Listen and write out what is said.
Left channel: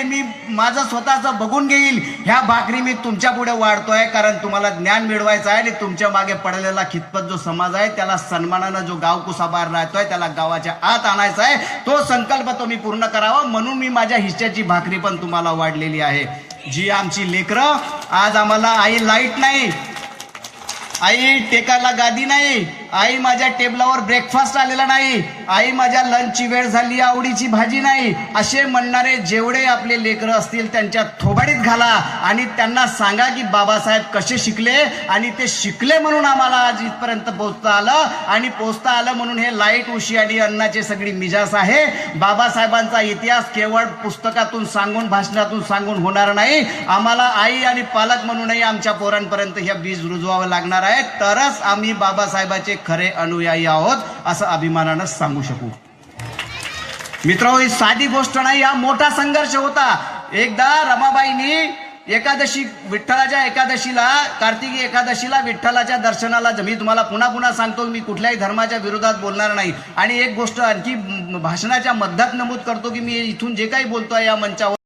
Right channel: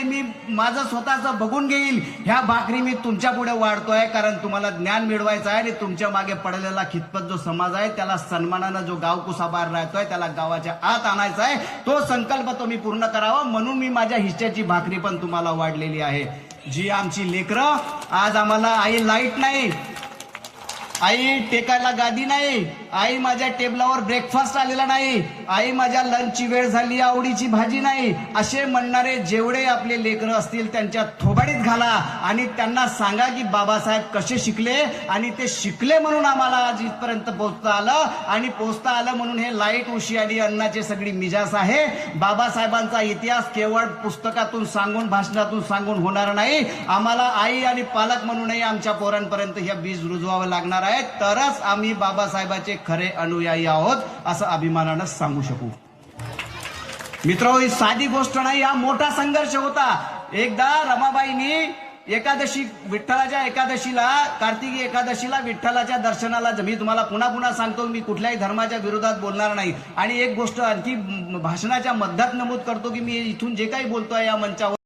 हे मी माझं स्वतःचं बघून घेईल, ह्या भाकरी मी तुमच्या पुढे वाढतोय. कारण तुम्हाला ज्ञान मिळवायचं आहे आणि तुमच्या मागे पडलेला खितपत जो समाज आहे त्याला सन्मानानं जो गावकुसाबाहेर राहतोय त्याला गावाच्या आत आणायचा आहे. तो संकल्प तुम्ही पूर्ण करावा म्हणून मी माझ्या हिश्श्याची भाकरी पण तुम्हाला वाढलेली आहे. जी आमची लेकरं, आज आम्हाला आई लाईट नाही, आई टेकायला गादी नाही, आई माझ्या टेबलावर ब्रेकफास्ट आलेला नाही, आई माझ्या लंचची वेळ झाली आवडीची भाजी नाही, असे म्हणणारे जेवढे आपले लेकरं असतील त्यांच्या थोबाडीत घाला आणि त्यांना सांगा की बाबासाहेब कसे शिकले आणि ते शिकले म्हणून आम्हाला आज इथपर्यंत पोहोचता आलं. आणि पोहोचता आलं म्हणून हे लाईट उशी आणि अन्नाची सगळी मिजास आहे. बाबासाहेबांचा इतिहास केवळ पुस्तकातून सांगून भाषणातून सांगून होणार नाही. आम्हाला आई आणि पालक म्हणूनही आमच्या पोरांपर्यंत हे बीज रुजवावं लागणार आहे. तरच आम्ही बाबासाहेबाचे खरे अनुयायी आहोत असं अभिमानानं सांगू शकू. मित्र, ही साधी गोष्ट नाही, हा मोठा संघर्ष होता. एकदा रमाबाईंनी एकादशी, विठ्ठलाच्या एकादशीला, कार्तिकी एकादशीला विठ्ठलाच्या दर्शनाला, मी तुम्हाला पुन्हा पुन्हा सांगतो मी कुठल्याही धर्माच्या विरोधात बोलणार नाही. आणि एक गोष्ट आणखी भाषणाच्या मध्यात नमूद करतो की मी इथून जे काही बोलतोय या मंचावर